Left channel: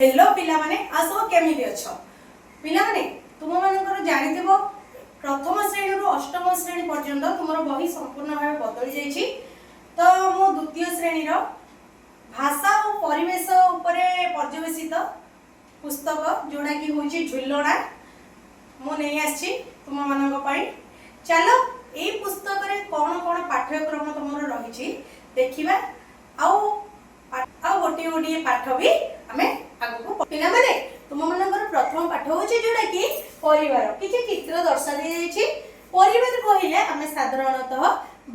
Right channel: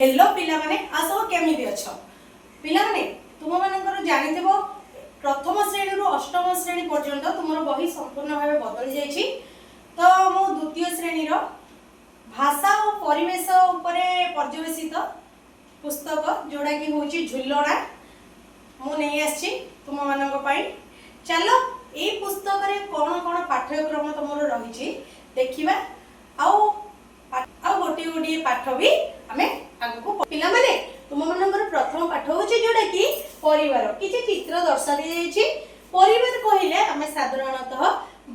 Hello पिला माने आसो केमिति अछ पिला माने तुम मानकर जानिथिबो प्रथम श्रेणी रु अष्टम श्रेणी पर्यंत तुमरो बही संपूर्ण भाबे बदली जाईछि। तो मो द्वितीय श्रेणी रो भाषा और परिवेश उपरे पर्यवेसित पुस्तक जोड़ा कि होछि झुल्लोना मु नै आछि तुम मानक पई। चलो ए पुस्तक रे कोन कोन पाठ्यक्रम तुमरो रहिछि देखिबा आउ गोटे गोटे पाठ भी आमे आगु पिला माने तुम मानकर प्रथम पाठ होछि जोडा कि परिवार किछि चित्र दर्शा दे जाइछि। परिवार कहिले आमे साधारणतः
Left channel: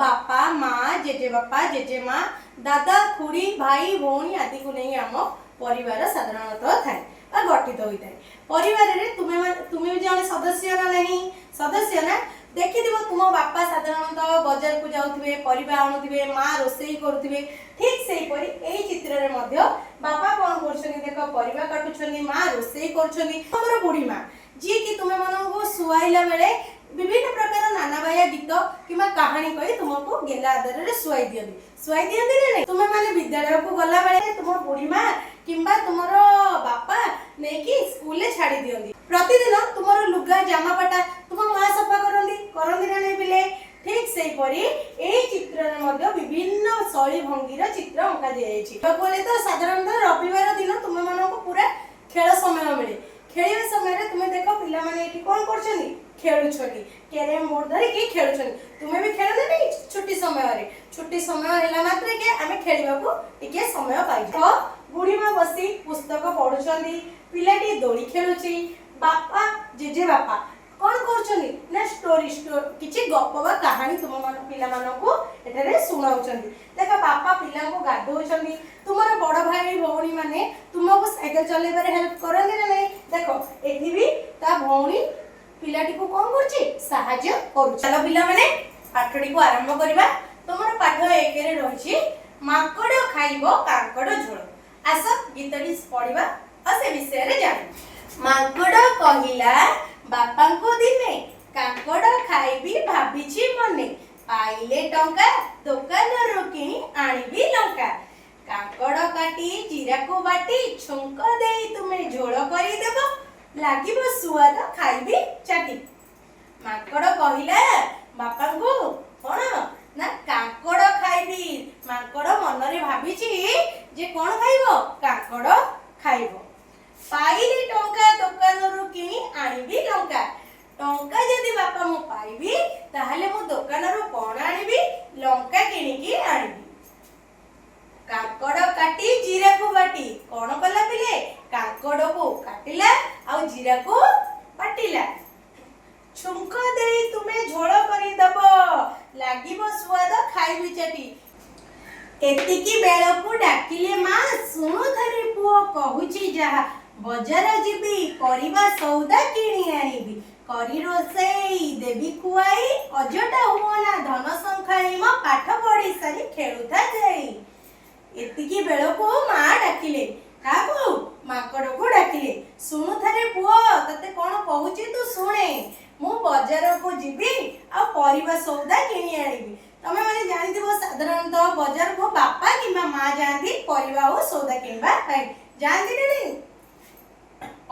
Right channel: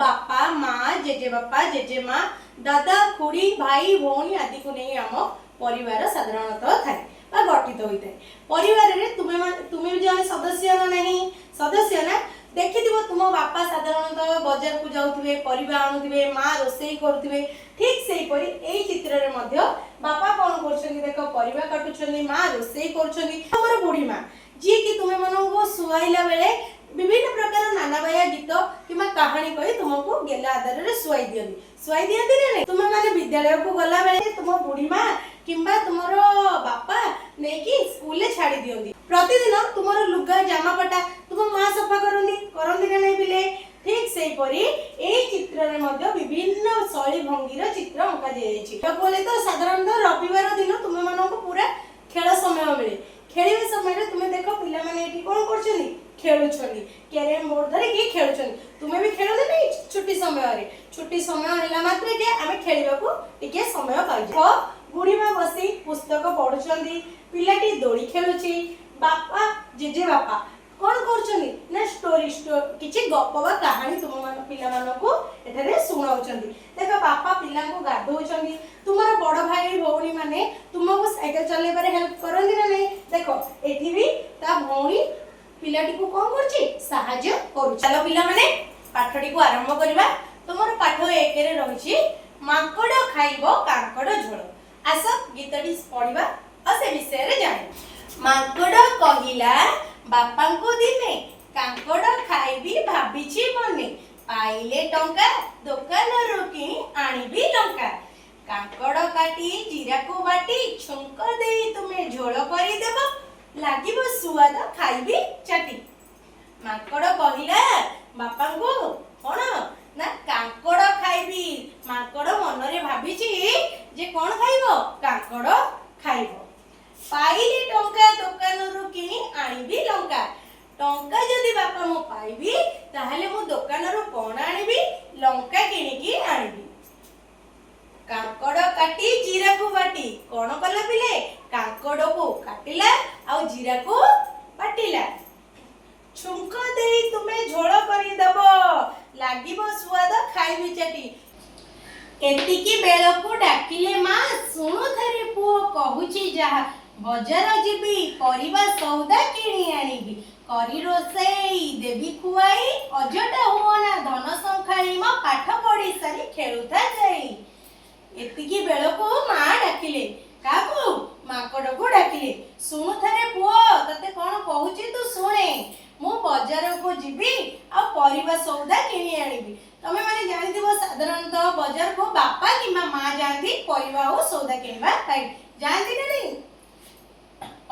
बापा माँ जेजे बापा जेजे माँ दादा खुड़ी भाई भौणी आदि को नहीं आम परिवार साधारणतः थाए बा गठित होइताय। परिवार रे तुमे भी जने सदस्य ना नहीं सदस्य ना देखिथिबो तुम बापा साधारणतः बाजार को जाउथिबे परिबा आणुथिबे माँ रोसई करुथिबे ठीक सेही परी एई चित्र रे मध्य बापा कोन करछनी देख परिबा काटुछनी माँ रोसई करछनी। हमर बुढ़ी माँ जी कि तुमे मानको सुआइला बेले विभिन्न प्रकार नाना बाया गीत किमा कहानी कहि तुमको गेला आदर रे सुआई दियंती नै तुमे माने विद्यालय को गला बेले तुम बुढ़ी माँ किंबा तुमरो बापा नेकी स्कूल ले छाड़ी दियंती। प्रतिदिन तुमरो लुगा जामापटा तुम माँ सफा करंती ना नै बिले ठीक सेही परी एई चित्र रे मध्य विभिन्न शैली भंगीर चित्र अंका दियैछि। बोले तो साधारणतः रविवार दिन तुम मानको पूरा खेल समय मिले खेलिबे समय रे तुमे देखो पिला माने एठी कोन करछनी खेलुछनी कैरम बोर्ड धरि कि खेलुछनी तुमे भी खेलले नै छुट्टी समय हैला मात्रे के आमे खेलिबा को टिके समय पाइ तो बुढ़ी माँ बसी पुस्तक पढुछंदी पिलाटी दोली खेलुछि बापा जेजे बापा कोन करछनी ना स्टोरी किछि गप बा कहानी तुम मान पिला मानको एठारे सुनाउछंदी। देखो बापा पिला को गाधोउछंदी तुमरो बड़ भाई भौणी माने तुमको साइकिल चलेबारे हेल्प करंदी ना नै देखो एठी भी ता भौणी पिलाटी को कोन करछि सहाय्य करू। चलो पिला माने पाठडी को आरंभ करिबा। तुमरो पाठ 1 रे रहिछि माकड़ खाइबो कांकड़ झोल। आस गीतडी पढिबा आ से विषय रे जानि। माकड़ कहिला बापा को दिने कांकड़ खाइबी भाबिछि मने पाइले टंका दुकान रो किनी आनिबी लंका कांकड़ काटी जीरा को बाटी छुंक देई तुमे झोल करि देबो लागिबो सुआद खाइबी चाटी। माकड़ कहिला बापा को कोन ना कांकड़ खाइबी माकड़ मन रे भाबिछि जे कोन खाइबो कांकड़ खाइबो पाइले टंका दुकान रो किनी आनिबी लंका टंका जदि बापा मो पाइबी ताहले मो दुकान रो कोन आनिबी लंका किनी की आनिबी। कांकड़ काटी जीरा को बाटी कोन कला पिले कांकड़ को काटिला आ जीरा को बाटिला छुंक देई तुमे झोल करि दबो लागिबो स्वाद खाइबी चाटी। एतिकी बेल को डाकिले माँ सुनु धरे पुओ कहूची जहा बजार जीबी परिबा सौदा किणी आनिबी करी रोसई देवी खुआई अजटा हुओना धन संखाई म पाठ पढ़ी सारी खेलुथा जाई। एतिकी बेल को माँ डाकिले काकू माकड़ को डाकिले सुनु थारे पुओ तते कोन कहूची तू सुने मु बाजार को जीबी आ परिबा सौदा किणी आनिबी। तमे माने जानिथिबो साधारणतः बाजार को बापा किबा माँ जांती परिबा ओ सौदा किनबा काई जानती नै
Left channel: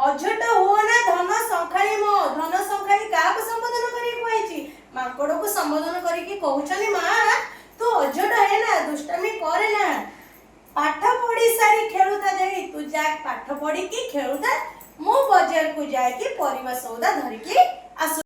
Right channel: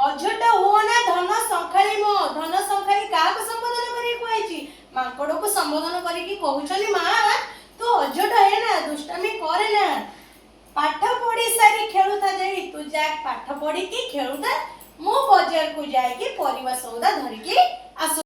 अझट होना धन संखाई मो धन संखाई का को संबोधन करी कहैछि माकड़ को संबोधन करी कि कहउछली माँ तू अझट है ना दुष्टामी करे ना पाठ पढ़ी सारी खेलुता जाई तू जा पाठ पढ़ी कि खेलुता मो बाजार को जाई कि परिबा सौदा धरि कि आस।